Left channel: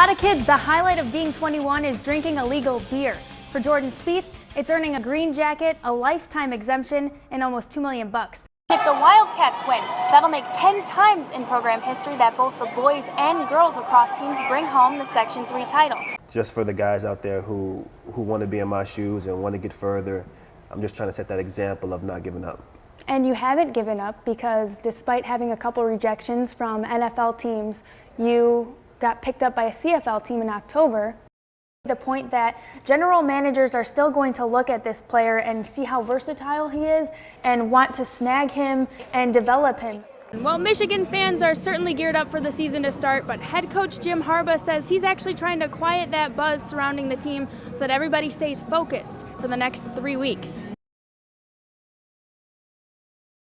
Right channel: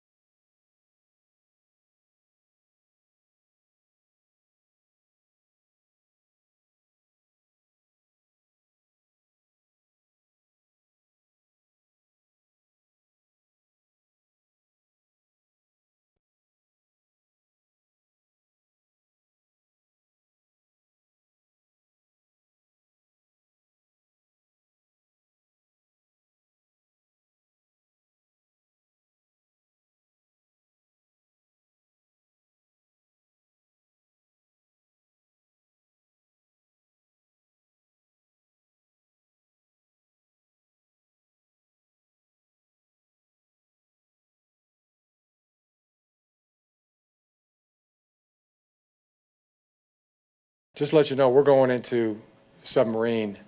lot of kids, the highlight of being 21 is drinking a legal beer. For Jordan Spieth, it's earning a green jacket, a lifetime exemption, and almost $2 million. If the Wildcats win, that'll make 10 times in program history that both the boys and girls lacrosse teams bring home the Section 3 title. Just for the guys out there who want to be in my shoes and want to get further, I'm just trying to set that example of not giving up. And you haven't given up because despite having a couple rejections from NFL teams, you got picked up by a CFL team in October. The point that general managers are still going to look at this player and see how versatile he is and want to snag him and develop him. Well, Michigan fans are certainly geared up for the season to start, but head coach Jim Harbaugh says he's actually trying to quiet that buzz surrounding the team so that everybody stays focused for the next 3 weeks. Just to let you know, we're going into Submarine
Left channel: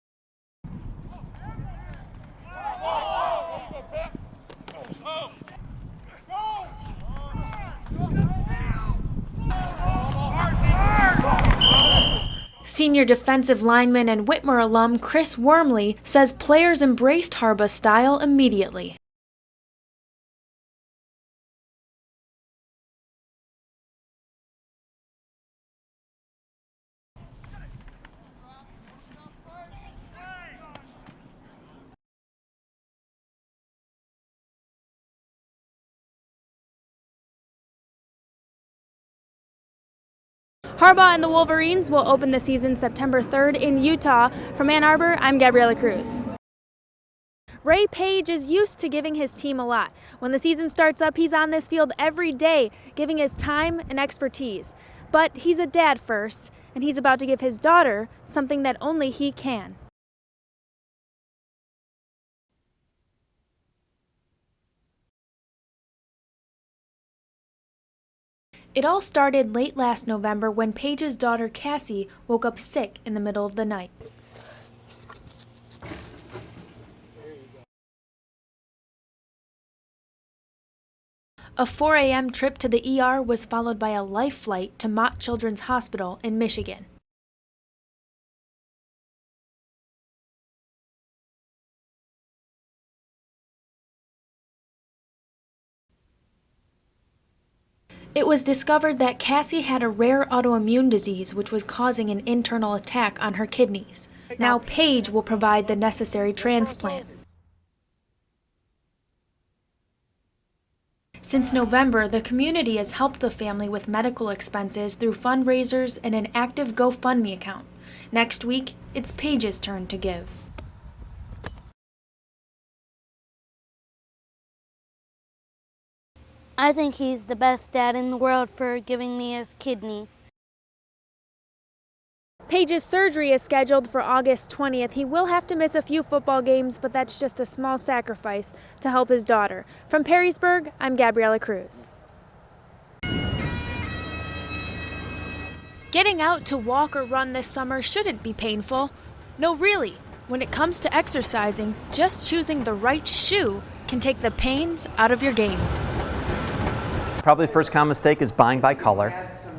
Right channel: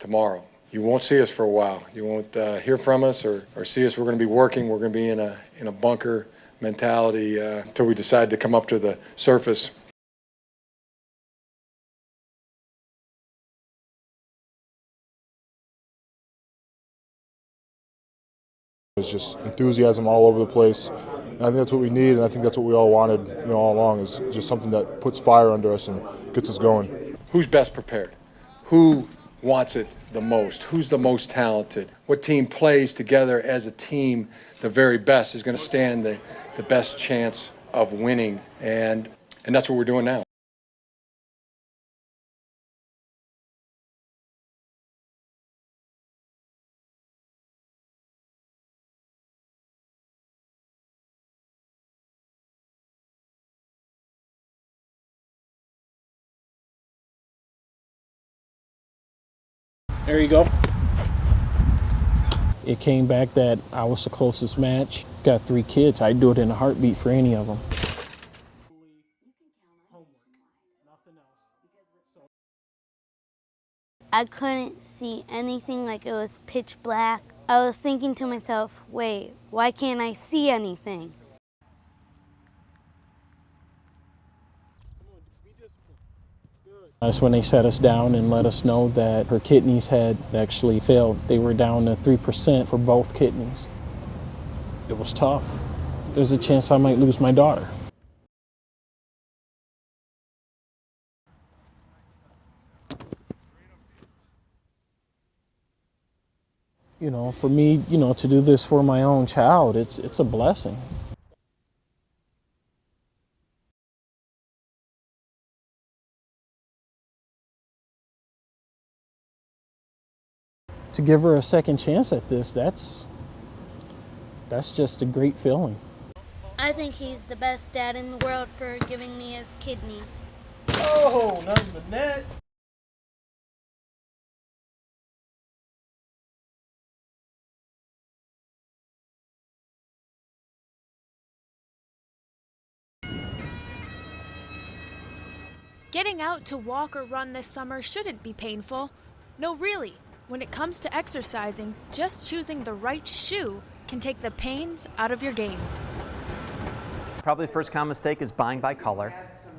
tomorrow. You won't see us for a while. You won't hear from us or see us. We're going to be working. We're going to be in a bunker mentality until we decide to come up to the surface. Senior defensive lineman and Whitmer alum Chris Wormley says players embraced Harbaugh's style immediately. It's just enthusiasm all over the place. And I think that's what we need, and I think that's what we all wanted, all along, is just something that puts fire under us and gets us going. Who's best prepared? Who wants it the most? Who's the most talented? What team plays together as a team the very best is going to stand the best chance of winning, and that's what we're doing now. Harbaugh and the Wolverines will open the season September 3rd in Utah. From Ann Arbor, I'm Gabriella Cruz. Ray Page is used to giving his team a lot. When the season starts up, he's on this field every day, giving his time and expertise. But he's a dad first, and he's about to give his daughter something that only he can. There you go. It came back that I was the closest match. Got 3 kids. I'd do it in a heartbeat for any of them. It all started late last November when Paige's daughter Cassie woke up sick in the middle of the night. I couldn't see anything, like it was pitch black. I was thinking to myself, wait, why can't I see anything? A 4 a.m. trip to the ER was followed by a life flight to Mott Children's Hospital in Michigan. That's when they sat us down and let us know that her kidneys had actually failed. They were down to 3% for both kidneys. It was tough. There's a chance I might lose my daughter. It was discovered that Cassie had a rare autoimmune disease which was causing an internal attack on her kidneys. Now Paige will provide the necessary transplant. For me, to do this for my own child, it's a blessing. Since November, the community has helped the family with medical expenses through fundraisers and an active GoFundMe account. Next week, it's Paige's turn to give. To give her a second chance at this, that's just a great feeling. I think he's the best dad in the world for giving me his kidney. Oh, nothing but net. Paige's surgery is scheduled for August 20th. He will have to miss a few football games, but that's just a small sacrifice to help his daughter. From Perrysburg, I'm Gabriella Cruz. Getting out to walk or run this summer shouldn't be painful. No, really. When it comes to exercising, just choosing the right shoe can take the pains out of your gains. Probably the first common mistake is buying by color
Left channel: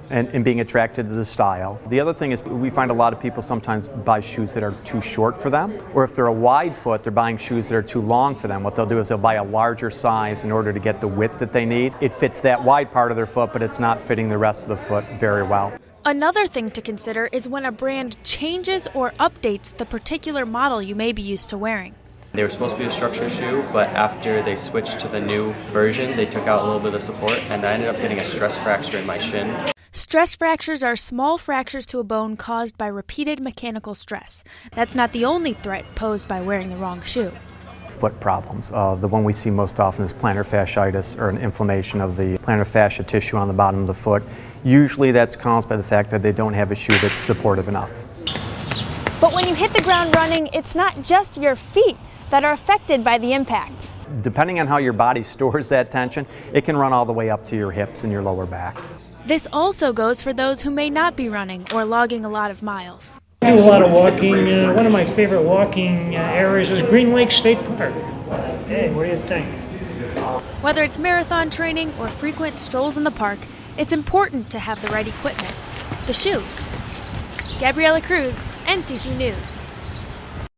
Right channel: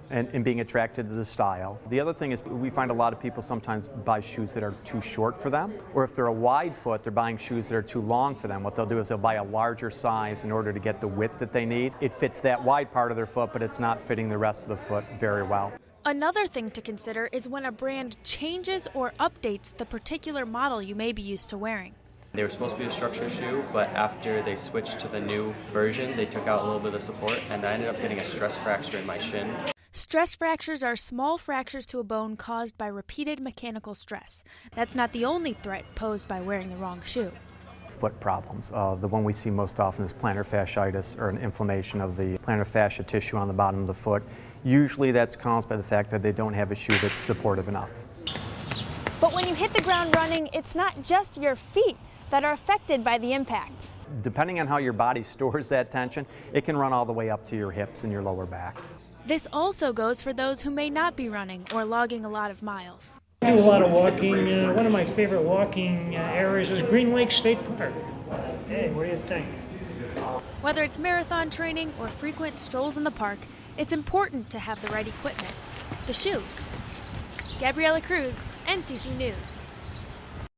and being attracted to the style. The other thing is we find a lot of people sometimes buy shoes that are too short for them, or if they're a wide foot, they're buying shoes that are too long for them. What they'll do is they'll buy a larger size in order to get the width that they need. It fits that wide part of their foot, but it's not fitting the rest of the foot very well. Another thing to consider is when a brand changes or updates the particular model you may be used to wearing. They were supposed to be a structure shoe, but after they switched to the new version, they took out a little bit of support, and I ended up getting a stress fracture in my shin. Stress fractures are small fractures to a bone caused by repeated mechanical stress. That's not the only threat posed by wearing the wrong shoe. Foot problems. The one we see most often is plantar fasciitis, or an inflammation of the plantar fascia tissue on the bottom of the foot. Usually that's caused by the fact that they don't have a shoe that's supportive enough. But when you hit the ground running, it's not just your feet that are affected by the impact. Depending on how your body stores that tension, it can run all the way up to your hips and your lower back. This also goes for those who may not be running or logging a lot of miles. I do a lot of walking. One of my favorite walking areas is Green Lake State Park. Hey, what do you think? Whether it's marathon training or frequent strolls in the park, it's important to have the right equipment, the shoes. Gabriella Cruz, NCC News.